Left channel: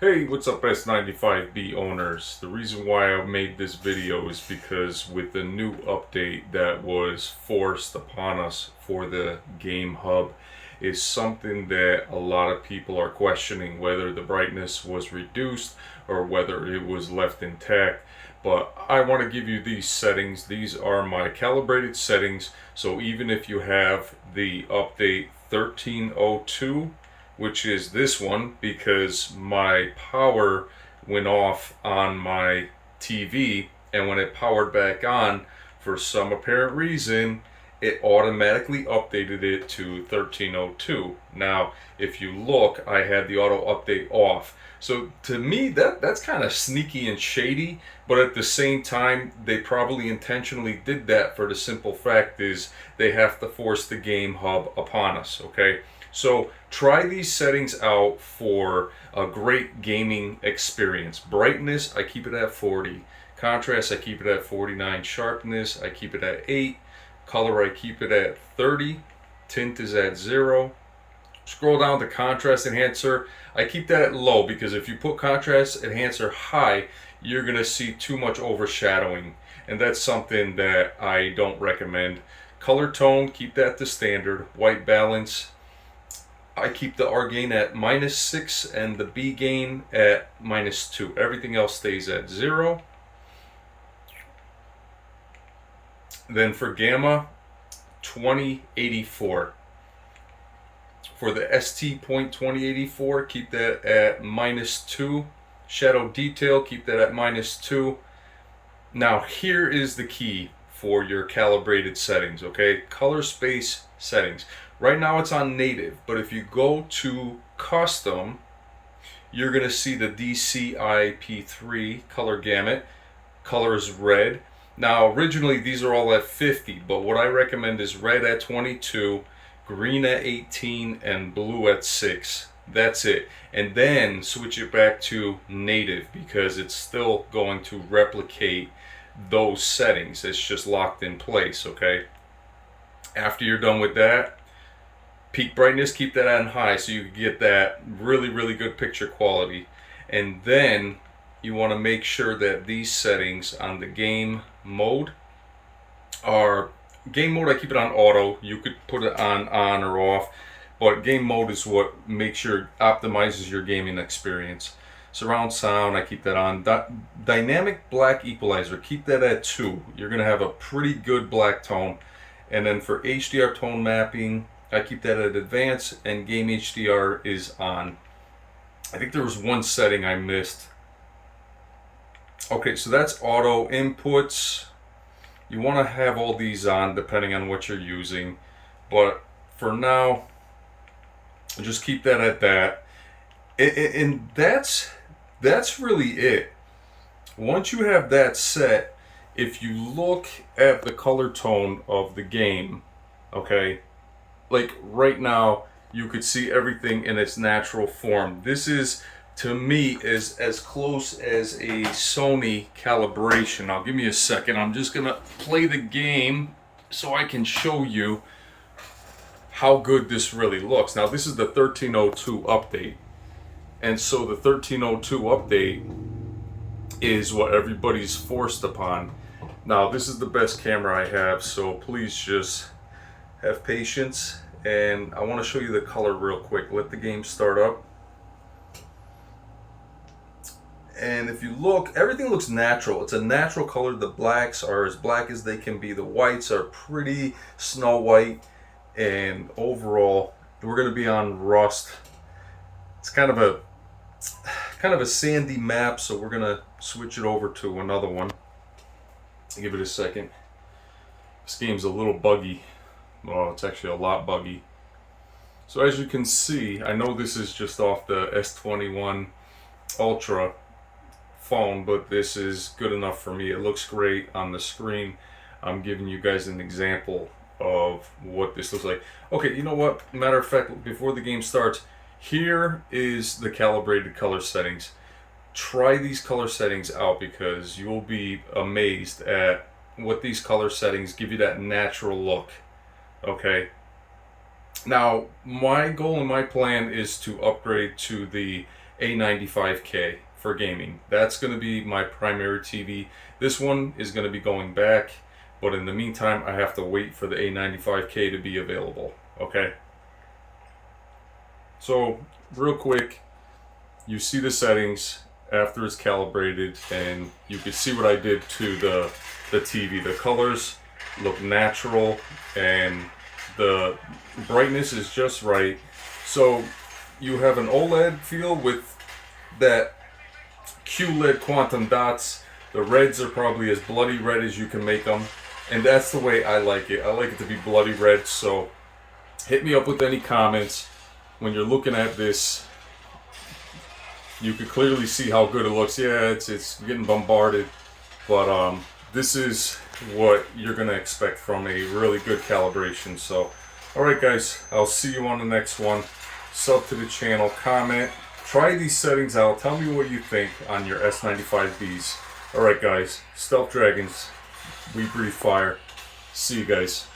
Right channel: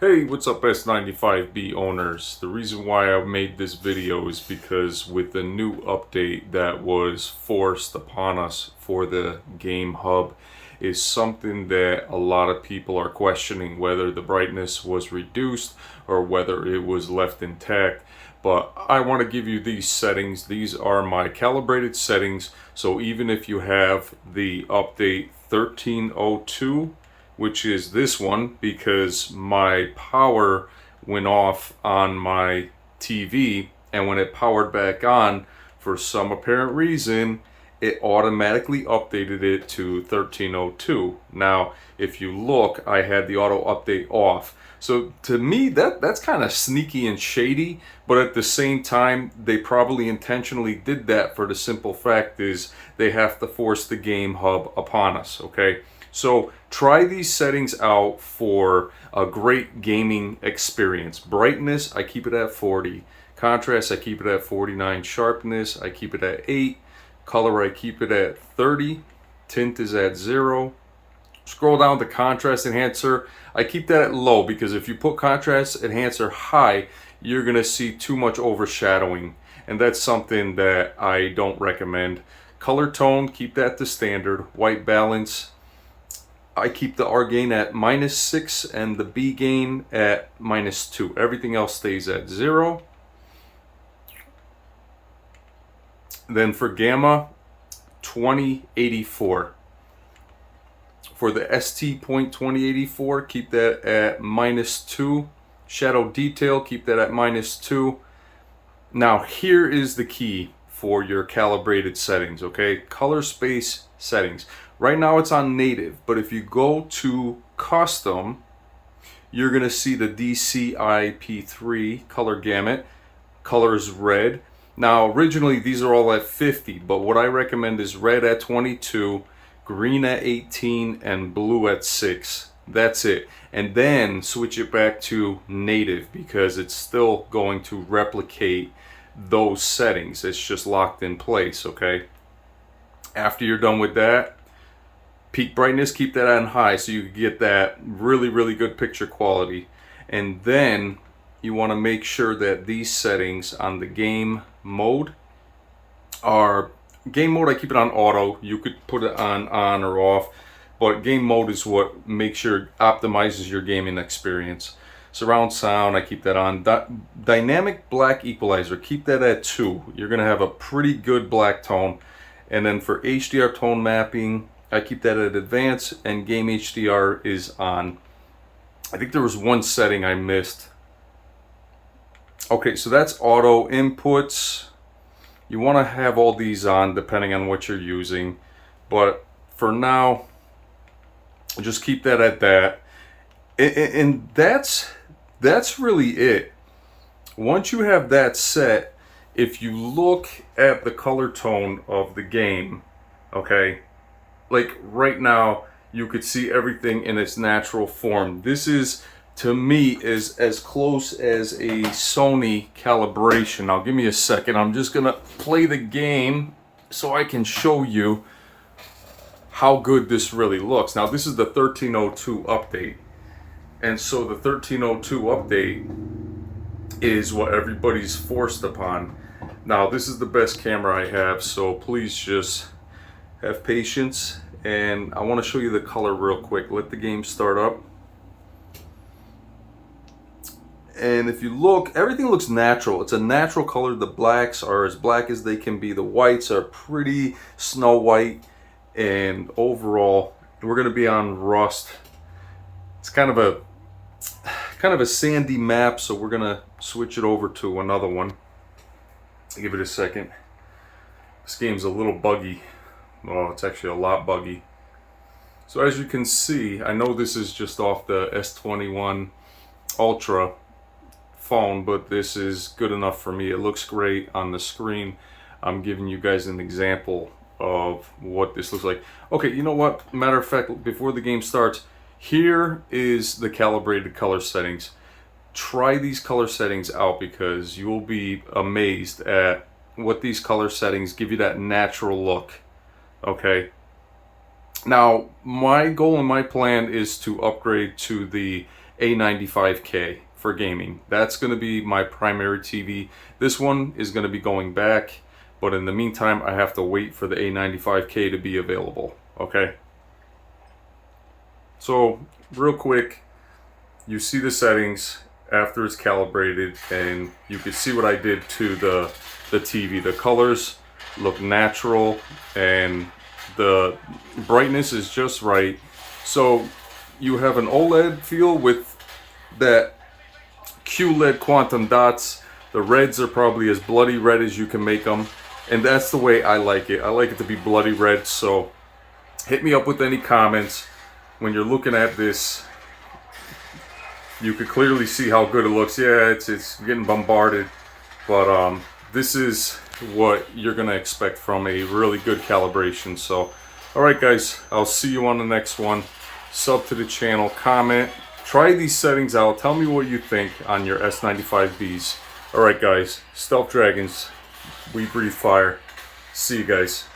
Hey, what's up S95B owners? The reason why I made this video is because with the new update that was forced upon us for the Game Hub is something that a lot of people are questioning whether the brightness was reduced or whether it was left intact. But I want to give you these settings. These are my calibrated settings. So even if you have the update 1302, which is this one, because my power went off on my TV, and when it powered back on, for some apparent reason, it automatically updated it to 1302. Now, if you look, I had the auto update off. So to me, that's kind of sneaky and shady, but at the same time, they probably intentionally did that for the simple fact is they have to force the Game Hub upon us, okay? So try these settings out for a great gaming experience. Brightness, I keep it at 40. Contrast, I keep it at 49. Sharpness, I keep it at 8. Color, I keep it at 30. Tint is at 0. Scroll down to contrast enhancer. I keep that at low because if you put contrast enhancer high, you're going to see too much overshadowing. And that's something that I don't recommend. Color tone, keep that to standard. White balance, I keep the R gain at -6 and the B gain at -2. Everything else stays at 0. Then for gamma, 2084. For the ST.2084, keep that at -2. Shadow detail, keep that at -2. Now here is the key for your calibrated settings, okay? Color space settings. Right now it's on native, but if you go to custom, you're going to see the DCI-P3 color gamut. Color is red. Now originally these are all at 50, but what I recommend is red at 22, green at 18, and blue at 6. That's it. And then switch it back to native because it's still going to replicate those settings. It's just locked in place, okay? After you're done with that, peak brightness, keep that on high so you get that really good picture quality. And then you want to make sure that these settings on the game mode are game mode. I keep it on auto. You could put it on or off, but game mode is what makes sure optimizes your gaming experience. Surround sound, I keep that on. Dynamic black equalizer, keep that at 2. You're gonna have a pretty good black tone. And then for HDR tone mapping, I keep that at advanced, and game HDR is on. I think there was one setting I missed. Okay, so that's auto inputs. You want to have all these on depending on what you're using, but for now, just keep that at that. And that's really it. Once you have that set, if you look at the color tone of the game, okay, like right now you could see everything in its natural form. This is, to me, is as close as a Sony calibration. Now give me a second, I'm just gonna play the game so I can show you how good this really looks. Now this is the 1302 update, and so the 1302 update is what everybody's forced upon. Now this is the best camera I have, so please just have patience, and I want to show you the color real quick. Let the game start up. And if you look, everything looks natural. It's a natural color. The blacks are as black as they can be. The whites are pretty snow white. And overall, we're going to be on rust. It's kind of a sandy map, so we're going to switch it over to another one. Give it a second. This game's a little buggy. Well, it's actually a lot buggy. So as you can see, I know this is just off the S21 Ultra phone, but this is good enough for me. It looks great on the screen. I'm giving you guys an example of what this looks like. Okay, you know what? Matter of fact, before the game starts, here is the calibrated color settings. Try these color settings out because you will be amazed at what these color settings give you, that natural look. Okay, now my goal and my plan is to upgrade to the A95K for gaming. That's going to be my primary TV. This one is going to be going back, but in the meantime I have to wait for the A95K to be available. Okay, so real quick, you see the settings after it's calibrated, and you can see what I did to the TV. The colors look natural and the brightness is just right. So you have an OLED feel with that QLED quantum dots. The reds are probably as bloody red as you can make them, and that's the way I like it. I like it to be bloody red. So hit me up with any comments. When you're looking at this, you could clearly see how good it looks. Yeah, it's getting bombarded, but this is what you're gonna expect from a really good calibration. So alright guys, I'll see you on the next one. Sub to the channel, comment, try these settings out, tell me what you think on your S95Bs. Alright guys, Stealth Dragons, we breathe fire. See you guys.